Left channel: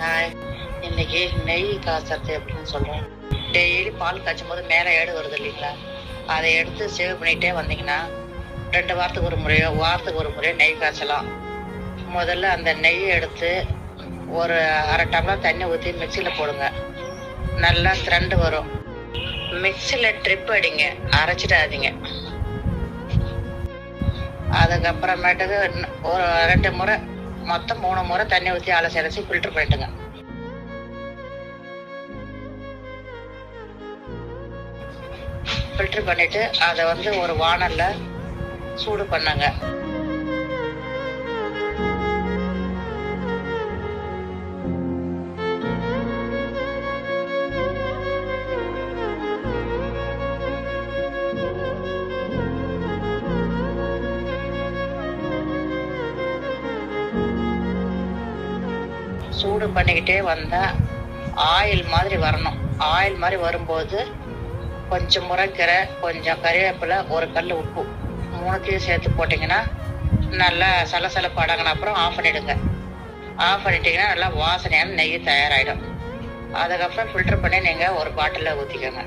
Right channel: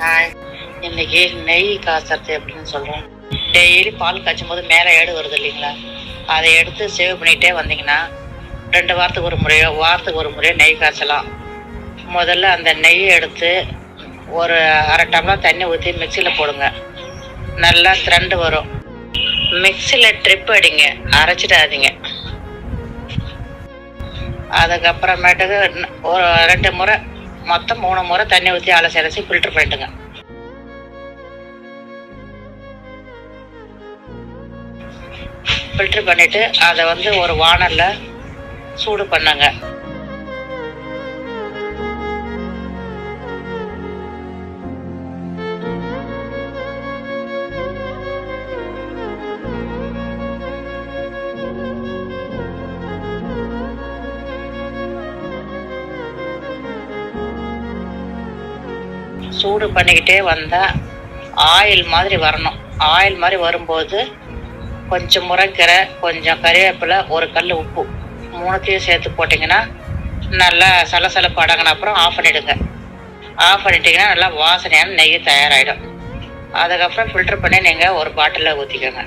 Hi, இன்னைக்கு நெய் காய்ச்சறது எப்படின்னு சொல்கிறேன். டெய்லி பால் காய்ச்சும் போது மேலே ஏடு வருது இல்லைங்களா, அதை எடுத்து சேவ் பண்ணிகிட்டே வந்தீங்கன்னா 2 வாரத்துக்கு ஒரு முறையோ நெய் காய்ச்சலாம். முதல்ல அந்த நெய்யை எடுத்து ஒரு அரை டம்ளர் தண்ணி ஊற்றி மிக்சியில் போடுங்க. நல்லா திரண்டு வரும். மிக்சியில் ட்ரிப் அடிங்க, அரைச்சிடாதீங்க. அதுக்கப்புறமேட்டுக்கு ஒரு 2 முறை, மொத்தம் 3 முறை தண்ணி ஊற்றி அலசி ஃபில்டர் பண்ணிட்டுங்க. ஃபில்டர் பண்ணிட்டு அதை ஒரு வானல்ல சூடு பண்ணுங்க. சூடு பண்ணிக்கிட்டே வந்தால் ஆயில் மாதிரி வரணும். ஆயில் மாதிரி வரும்போது கொஞ்சம் முருங்கைக்கீரை, கொஞ்சம் கறிவேப்பிலை, ஒரு கல் உப்பு 3த்தையும் சேர்த்து போட்டிங்கன்னா நல்லா சலசலப்பு அடங்கின அப்புறம் ஆஃப் பண்ணிவிடுங்க. ஆஃப் பண்ணிட்டீங்கன்னா நல்லா வாசனையான நெய் தயாராகிடும். அதுக்கப்புறம் ஃபில்டர் பண்ணி நீங்கள் ஒரு பாட்டிலில் ஊற்றிக்கோங்க.